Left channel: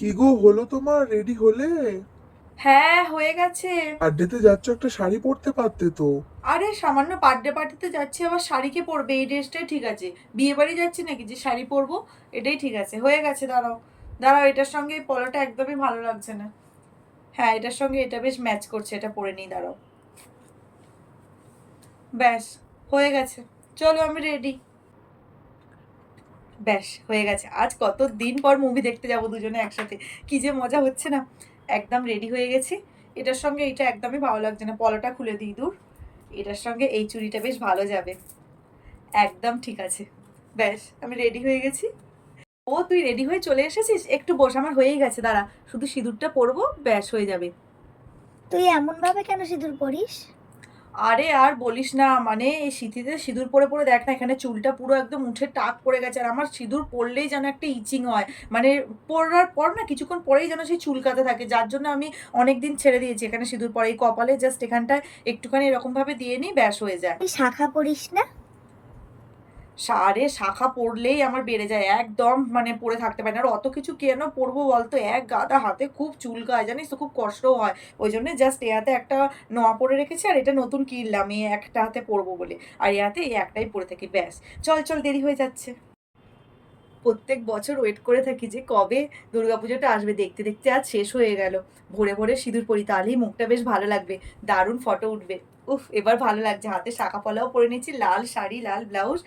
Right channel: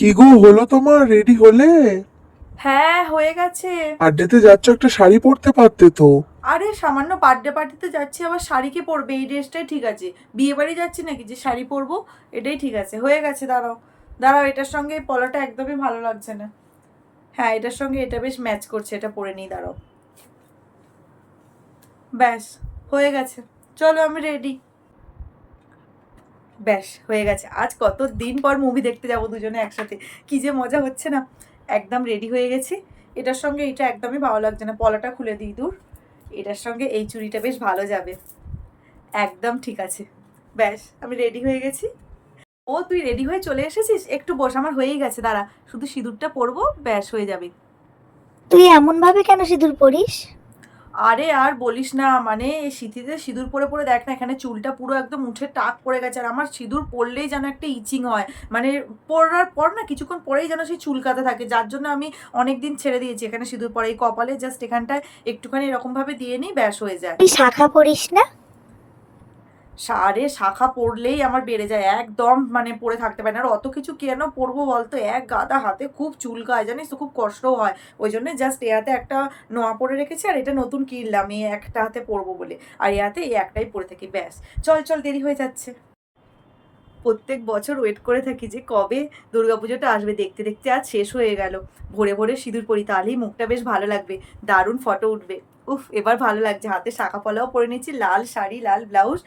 কি গো, হলো তোমার? রেডি হলে? হ্যাঁ, হয়ে গেছে। বার্থডেতে যাচ্ছ, একটা শাড়ি পরতে পারতে তো। আরে সামান্য বার্থডে পার্টিতে যাচ্ছি, আবার শাড়ি কে পরবে? এই ড্রেসটাই ঠিক আছে। বিয়ে বাড়ি যাচ্ছি নাকি যে শাড়ি পরবো? এটাই ঠিক আছে, হয়ে গেছে। দাঁড়াও দাঁড়াও, এটার সঙ্গে এই পলাটা একদমই ভালো লাগছে না। হ্যাঁ, এটার সঙ্গে এটা বেশ ম্যাচ করছে, এটা পরে নিই, দাঁড়াও। ব্যাস, হয়ে গেছে। চলো, আমি রেডি। ব্যাস হয়ে গেছে। আজ কত দিন পর মুভি দেখতে যাব দুজনে একসাথে, কি যে মজা হচ্ছে না। একদম রেডি হয়ে গেছি। এটার সঙ্গে এটা একদমই ভালো লাগছে না, পলাটা খুলে দিই দূর। এটার সঙ্গে এই চুড়িটা বেশ ভালো যাবে। একদম ঠিক আছে। ব্যাস, আমি রেডি হয়ে গেছি। ও, তুই রেডি হয়ে চলে এসেছিস? একটু বস, আমার হয়েই গেছে, দাঁড়া। শুধু সিঁদুরটা পরবো, ব্যাস হয়ে যাবে। তুই এমন ভাবে কেন সিঁদুর পরিস? আরে আর বলিস না, মানে এই শীতিতে সিঁদুর পরে পরে দেখ না, এখানে চুলটা পুরো একদম উঠে টাক পড়ে গেছে। আর আমার সিঁদুর পরলেই যেন একটা ইচিং হয়, মানে পরার পর না কিছুক্ষণ পরেই যেন সেই চুলকাতে থাকে, যার জন্য আমি অনেক দিন ছেড়ে দিয়েছি এখানে সিঁদুর পরে। এই কপালে জাস্ট এখানটায় একটুখানি এরকমভাবে দিয়ে নিই, ব্যাস হয়ে যায়। তুই শাখা পরিস না? সারে শাখা পড়লেই আমার বেড়ে যায় একদম, মানে পরে থাকতে পারে না। আর অত কিছু কেন পরবো বলতো, এক গাদা হাতে খুব চুলকায় জানিস তো, খুব কষ্টও হয়। ওই জন্য জাস্ট এ হাতে একটা নোয়া পরে রেখেছি, আর এটা নতুন কিনলাম এই একটা হাতে পরবো বলে। আর এ হাতে এই একটাই পরে থাকি, ব্যাস। চল চল, দেরি হয়ে যাচ্ছে। প্রত্যেক বছর ওয়েট করে থাকি যে কবে দুর্গাপুজোটা আসবে, দেখতে দেখতে আজ শেষ হয়ে গেল। ভোরে ভোরে সিঁদুর পরি, তাহলেই মুখটা বেশ ভালো লাগবে, দারুণ ফটো উঠবে। উফ, এবার ভালো লাগছে। হাতে শাখা পলাও পরে নিচ্ছি, লাল শাড়ি, লাল ব্লাউজ,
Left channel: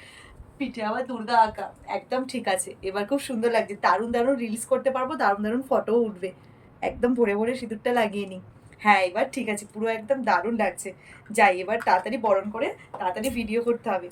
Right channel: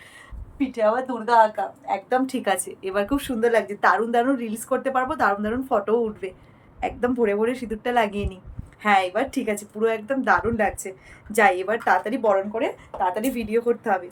পিঠে আবার দুর্গা আঁকা। একদম ঠিক আছে, এবার খুব সুন্দর লাগছে। দারুণ দারুণ রিলস করতে পারবো, দারুণ দারুণ ফটোও উঠবে। একদম ভোরে ভোরে সিঁদুরটা লাগিয়ে নিই। হ্যাঁ, এবার ঠিক আছে, পুরো একদম দারুণ লাগছে। যাই, এবার তাড়াতাড়ি বরণ করে তাড়াতাড়ি ভিডিও করতে হবে।